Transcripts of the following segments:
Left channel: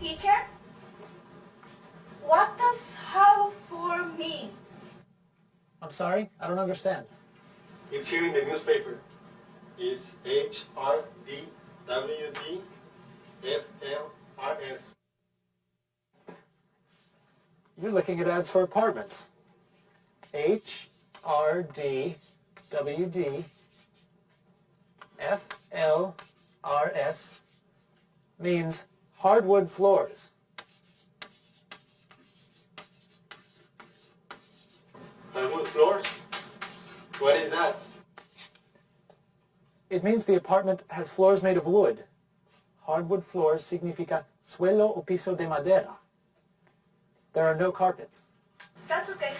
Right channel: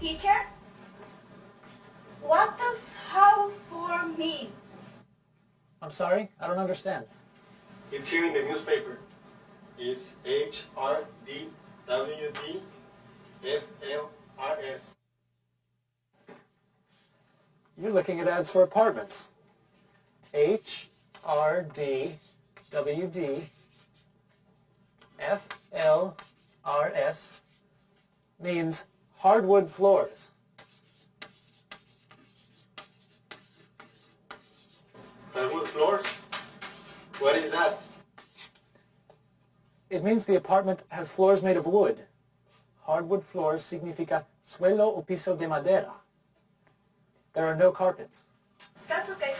Teacher, what does harbor mean? I'm sorry, I don't understand. It's here in the newspaper. It's HRDWDFLRS. You're looking at ads for apartments. HRDWDFLRS means hardwood floors. Hardwood floors? What is that? It means the apartment has floors made of wood. Hardwood floors significa suelo o piso de madera. There are no carpets. That's okay.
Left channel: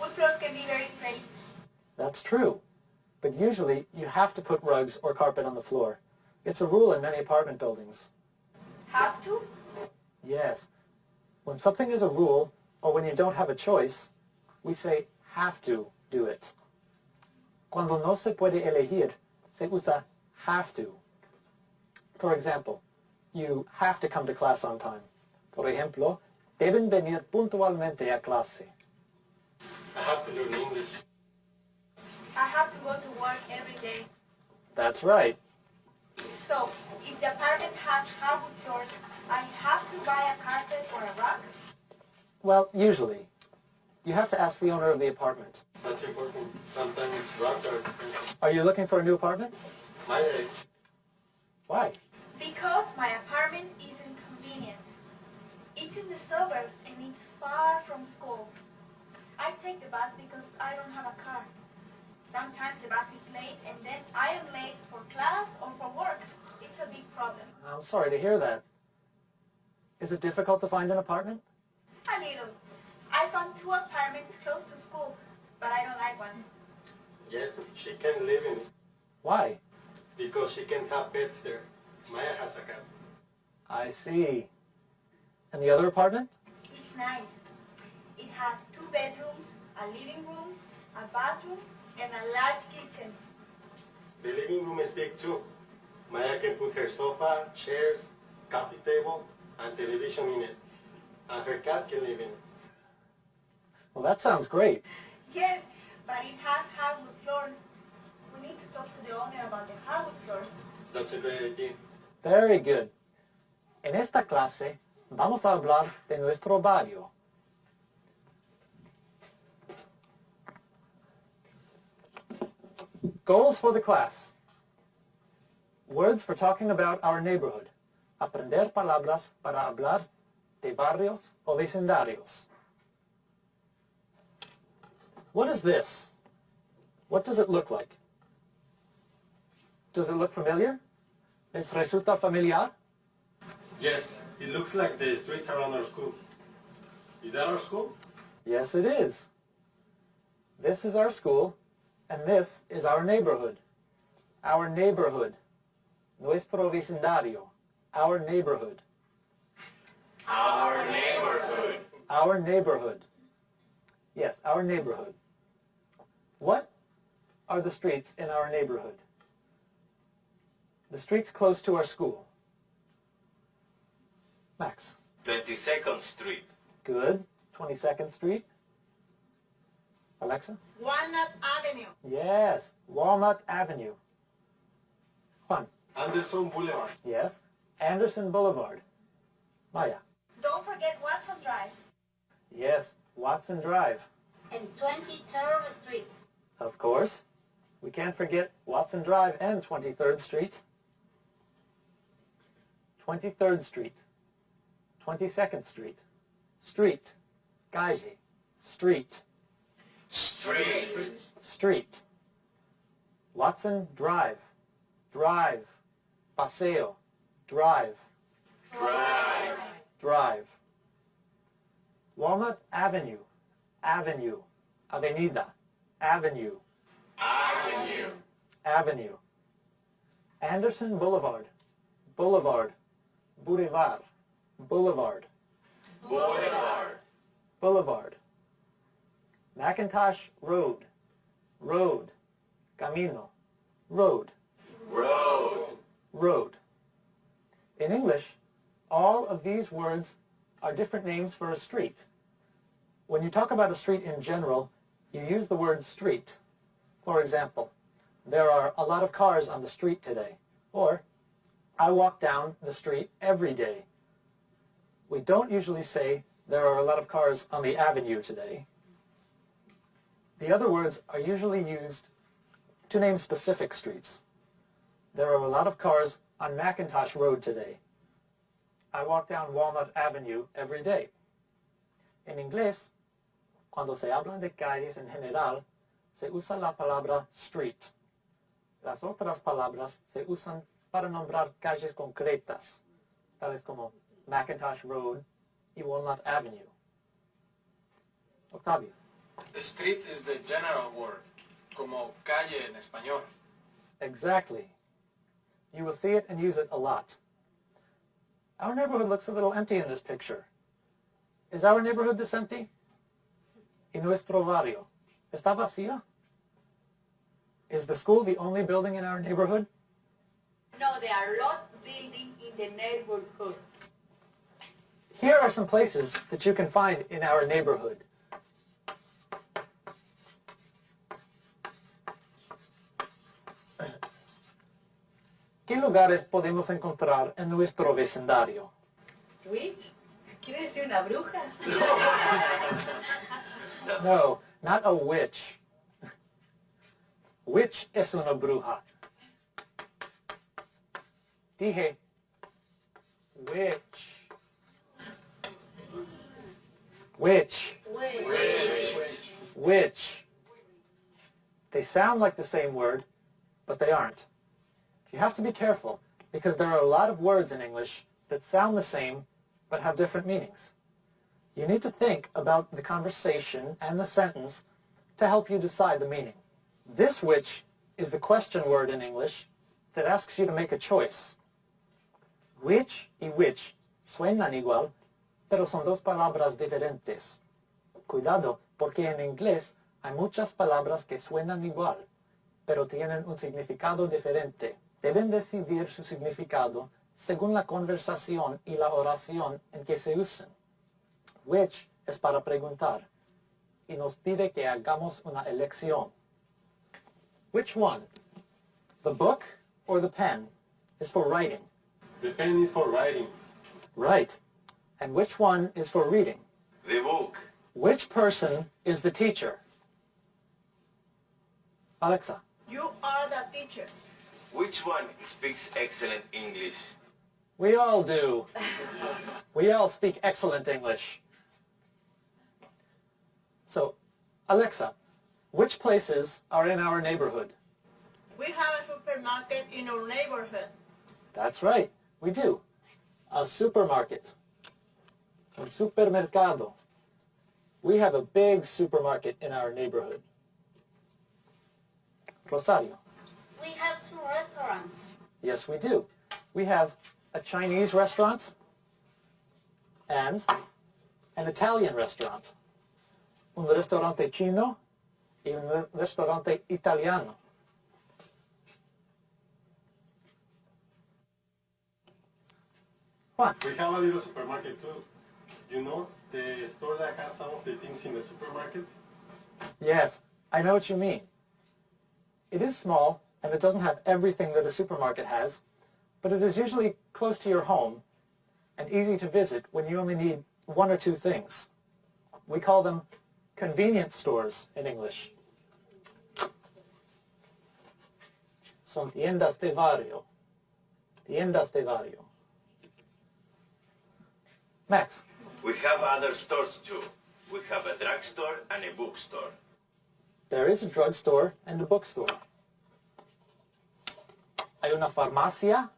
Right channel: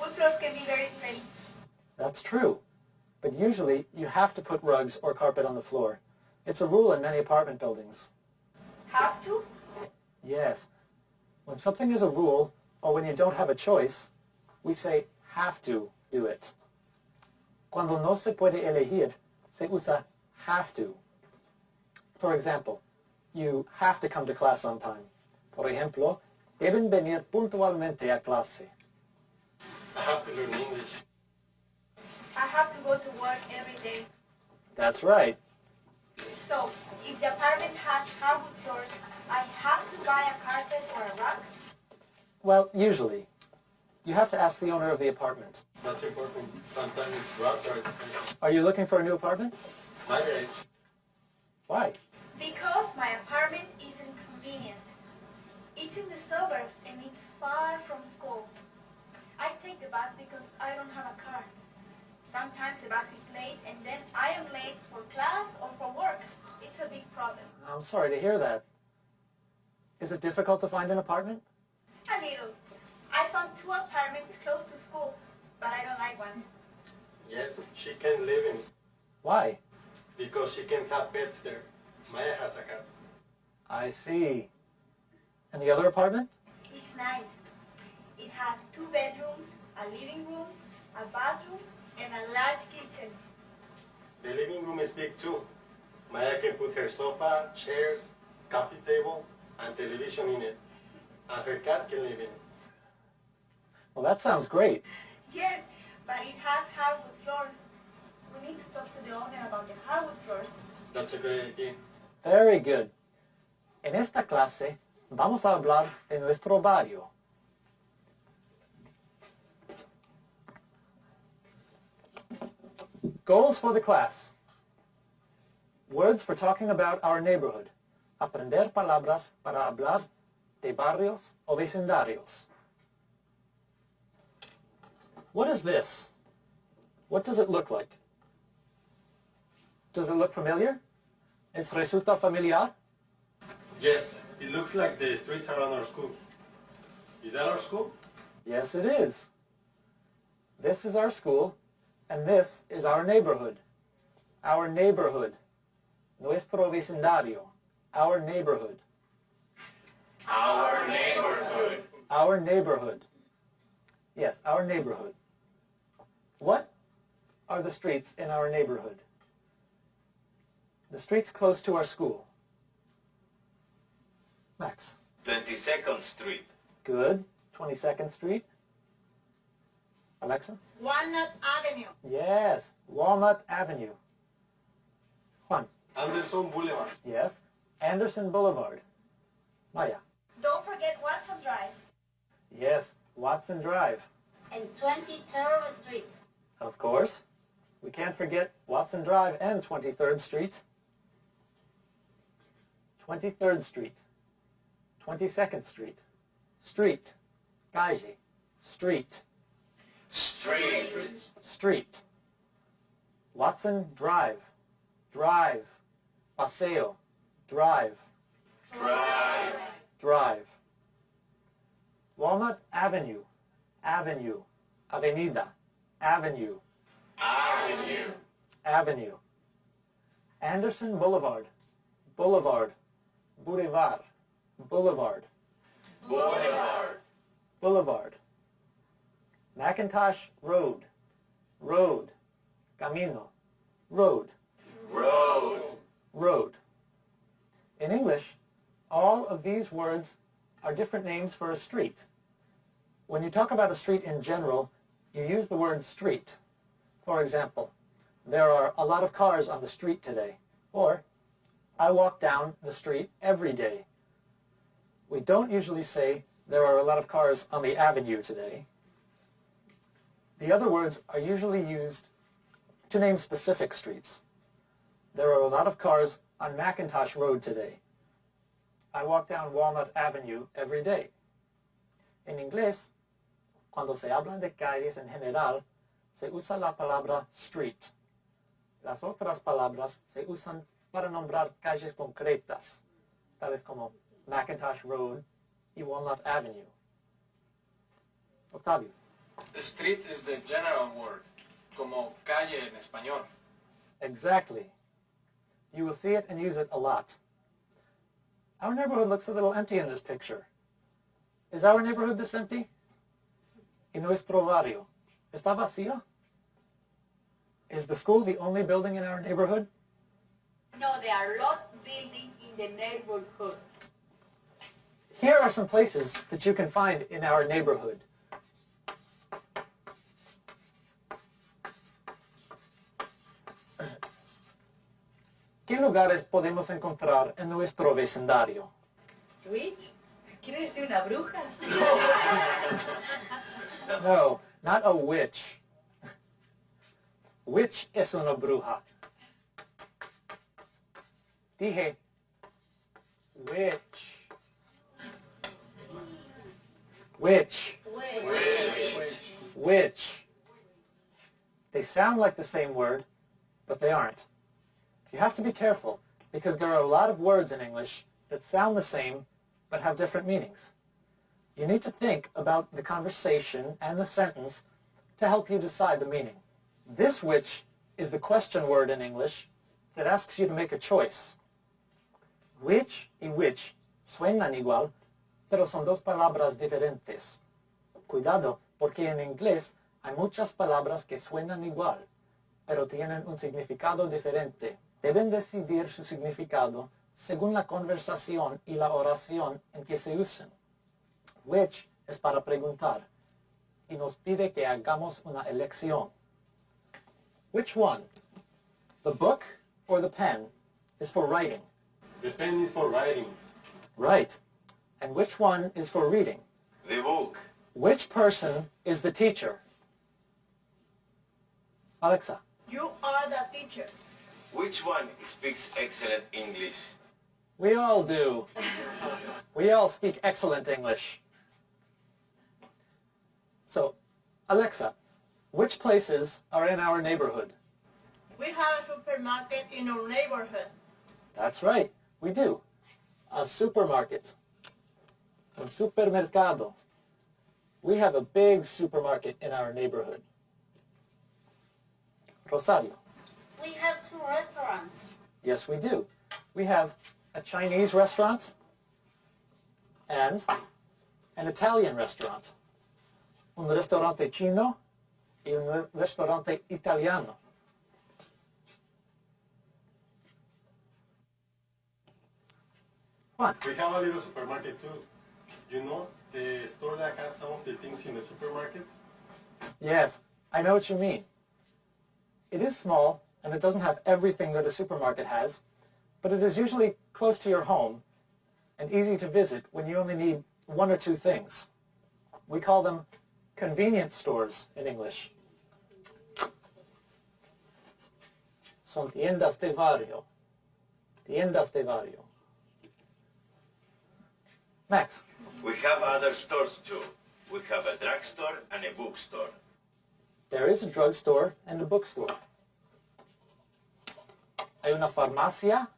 Wood floors can be very pretty. That's true, but usually you have to put rugs or carpet on the floor. It's a rule in many apartment buildings. Have to? Yes. When something is a rule, or when you don't have a choice, we say have to do it. Cuando no se puede elegir, se usa have to. For example, you have to come to class on time. Por ejemplo, deben venir puntualmente a clase. I have to learn English. I have to go to work every day. That's right. So, if the apartment has hardwood floors, I have to buy a carpet or a rug? Well, usually. You have to ask the owner of the apartment. That's important. Sometimes rugs are expensive. Are you looking for a new apartment? My age. Why? Because my apartment isn't convenient. It's in the suburbs and it's far from school. I take the bus because I don't have a car. Sometimes the bus is late and then I am late for class or for work. It's a big problem. I'm sorry to hear that. Is it difficult to find an apartment? A little. I found 2 apartments close to school, but I don't like one. Yes, she can live in it Why? because she can have pets there. Maya has a cat. I see. And the other apartment? It's nice. It has 2 bedrooms, a living room, a bathroom, and a large kitchen. The living room is big too. Maya can put her sofa, chairs, coffee table, and television in it. And her cat can live in it. Well, that sounds great. Yes, but it has hardwood floors. We need to talk to the owner about the hardwood floors. That's a great idea. Very good. En esta clase vamos a hablar de nuestro barrio. Goals for the class. Words for talking about our neighborhood. Aprender palabras para hablar de barrios o vecindarios. What is this? What does it look like? Does it look familiar? ¿Les resulta familiar? Yes, it looks like the streets around our school. Is that our school? Yes, it is. This is our school, and this is our neighborhood. Our neighborhood. Nuestro vecindario. Our neighborhood. Our neighborhood. Our neighborhood. Yes, our neighborhood. What are the streets in our neighborhood? The streets close to our school. Max. 22nd Street. Good. 22nd Street. Alexa? Walnut Avenue. Yes, Walnut Avenue. Juan? Anderson Boulevard. Yes, Anderson Boulevard. Maya? Don't forget Watson Drive. Yes, Watson Drive. And 23rd Street. Of course. We can't forget Watson Drive and 23rd Street. 23rd Street. 22nd Street. Street. Gaiji. Street. Street. Street. Watson Drive. Drive. Paseo. Drive. Drive. Drive. Walnut Avenue. Avenue. Avenida. Avenue. Avenue. Avenue. Anderson Boulevard. Boulevard. Boulevard. Boulevard. Boulevard. Boulevard. Macintosh Road. Road. Camino. Road. Road. Road. In English, All of these words are different names for a street. When you talk about a street in general, you use the word street. For example, there are a lot of cars on the street today. Or, I walk down the street every day. We don't usually say there are a lot of cars on the avenue today. The other words are usually used to name specific streets. There are a lot of cars on McIntosh Road today. I walk down Walnut Avenue every day. En inglés, cuando se hablan de calles en general, se usa la palabra street. Las otras palabras se usan para nombrar calles concretas, tales como McIntosh Road y Walnut Avenue. Octavio. Street is the general word, como calle en español. Exactly. You will see it and use it a lot. Our neighborhood looks a little empty in this picture. Is our neighborhood this empty? ¿Y nuestro barrio está vacío? Is the school the only building in our neighborhood? No, there are lots of buildings in the neighborhood. Here are some places that you can find in our neighborhood. ¿Qué lugares podemos encontrar en nuestro vecindario? Witch? ¿Quiere decir una bruja? No, not a witch. Witch es una bruja. Dije, witch. Witch. Witch. They sound like the same word, but they aren't. You have to be careful because there are a lot of words in English that sound the same but have different meanings. You need to think about the conversation and the sentence to help you decide the meaning. This which is the question word in English that asks you to make a choice. Which y which suenan igual, pero son dos palabras diferentes. Cuidado, porque en inglés hay muchas palabras que suenan igual, pero tienen un significado diferente. Deben decidir su significado según la conversación y la oración en que se usen. Which es para preguntar y nos pide que hagamos una elección. Which one, the book or the pen, is for writing? The pen is for writing. Right. And which one is for reading? The book. Which person is the teacher? Alexa. You are the teacher. Which one speaks excellent English? We all do. We all speak excellent English. So, Alexa, which places are in our neighborhood? We have a supermarket in our neighborhood. That's right, we do. A supermarket. Un supermercado. We have a big supermarket in our neighborhood. Rosario. We have 2 restaurants. Yes, we do. We have a Chinese restaurant and an Italian restaurant. Un restaurante chino y un restaurante italiano. Juan. We have a little supermarket too. You know the store that has some of the things in the supermarket? Yes, I know what you mean. It is small, and it doesn't have everything that a supermarket has, but it is usually close to your home and easy to visit when you only need 1 or 2 things. We call them convenience stores in English. Son tiendas de barrio. Tiendas de barrio. Max. We have other stores too. We have a drugstore and a bookstore. There is a drugstore and a bookstore. Hay una farmacia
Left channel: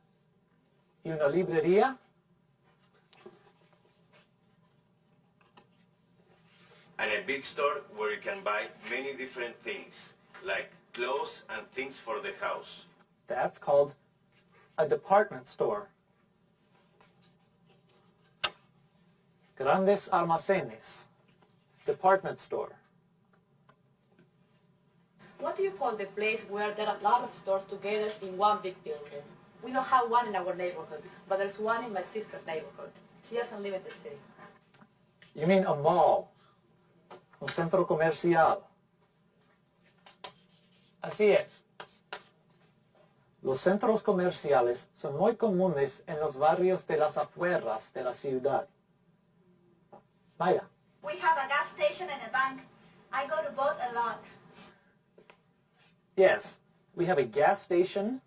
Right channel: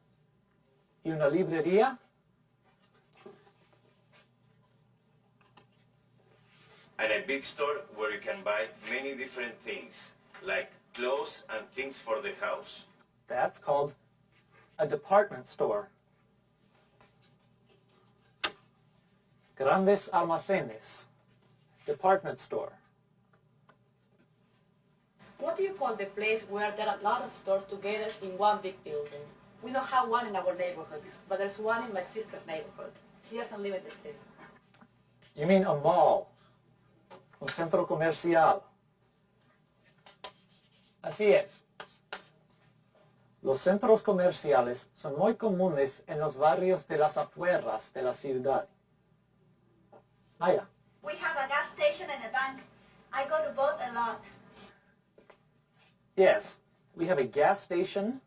y una librería. And a big store where you can buy many different things, like clothes and things for the house. That's called a department store. Grandes almacenes. Department store. What do you call the place where there are a lot of stores together in one big building? We don't have one in our neighborhood, but there's one in my sister's neighborhood. She doesn't live in the city. You mean a mall, un centro comercial. Así es. Los centros comerciales son muy comunes en los barrios de las afueras de la ciudad. Maya. We have a gas station and a bank. I go to both a lot. Yes, we have a gas station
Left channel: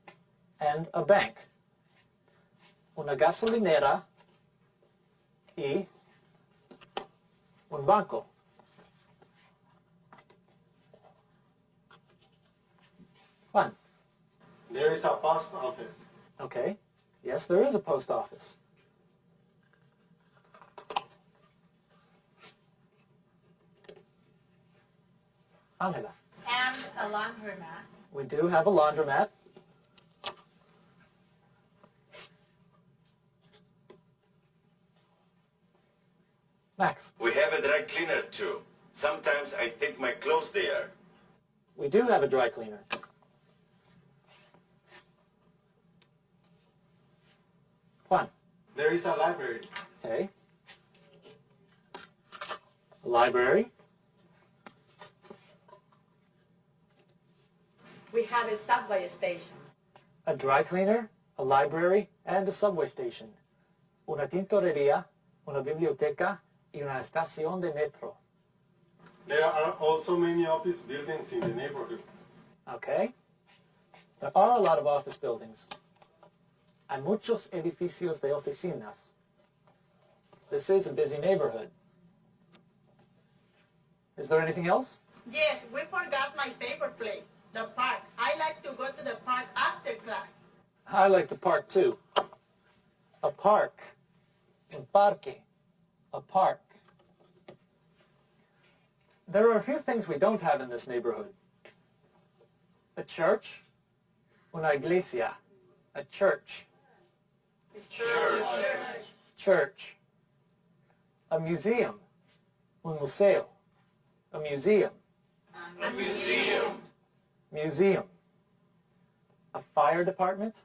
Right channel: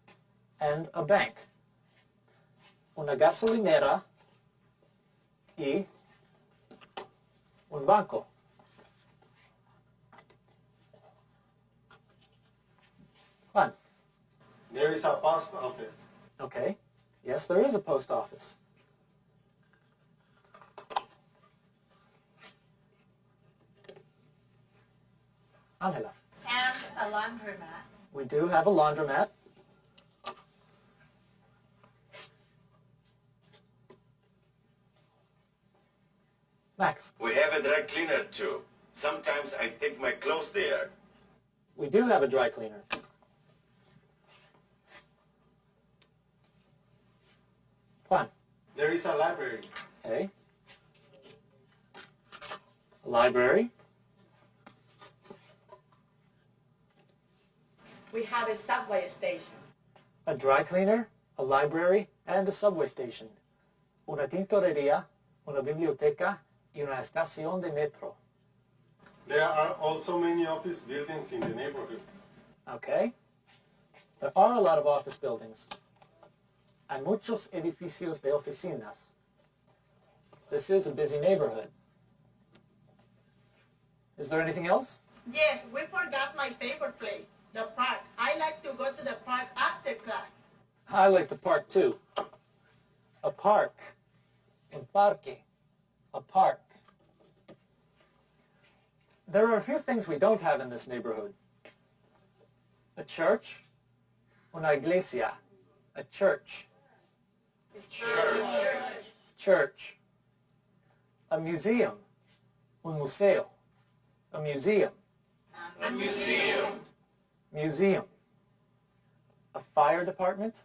and a bank. Una gasolinera y un banco. Juan. There is a post office. Okay. Yes, there is a post office. Angela. And a laundromat. We do have a laundromat. Max. We have a dry cleaner too. Sometimes I take my clothes there. We do have a dry cleaner. Juan. There is a library. Okay. A library. We have a subway station. A dry cleaner, a library, and a subway station. Una tintorería, una biblioteca, y una estación de metro. There are also many office buildings in the neighborhood. Okay. There are a lot of office buildings. Hay muchos edificios de oficinas. This is a busy neighborhood. Is there anything else? Yes, we forgot my favorite place, the park. I like to go to the park after class. I like the park too. A park. Un parque. A park. There are a few things we don't have in this neighborhood. A church. Una iglesia. A church. Church. A museum. Un museo. A museum. Museum. A fire department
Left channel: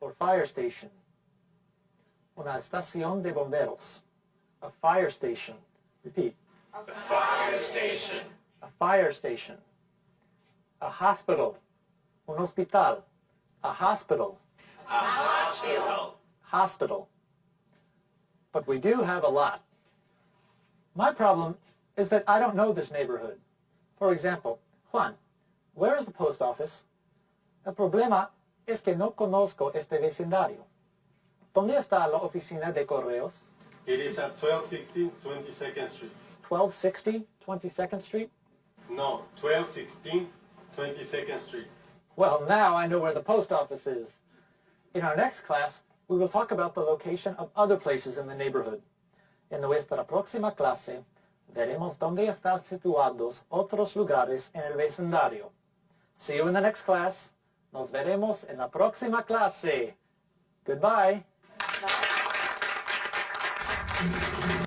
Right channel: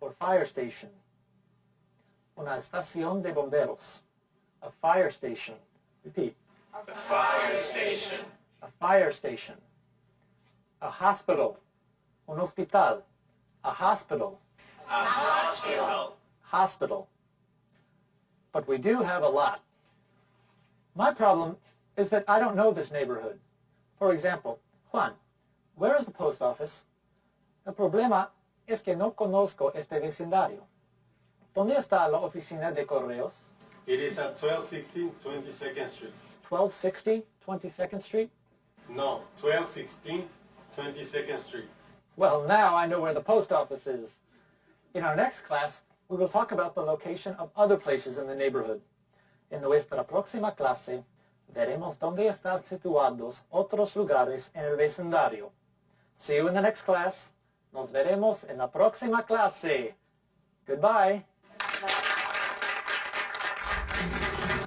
or fire station. Una estación de bomberos. A fire station. Repeat. Fire station. A fire station. A hospital. Un hospital. A hospital. A hospital. Hospital. But we do have a lot. My problem is that I don't know this neighborhood. For example, Juan, where is the post office? El problema es que no conozco este vecindario. ¿Dónde está la oficina de correos? It is at 1216 22nd Street. 1260 22nd Street? No, 1216 22nd Street. Well, now I know where the post office is. In our next class, we will talk about the location of other places in the neighborhood. En nuestra próxima clase, veremos dónde están situados otros lugares en el vecindario. See you in the next class. Nos veremos en la próxima clase. Goodbye. Bye.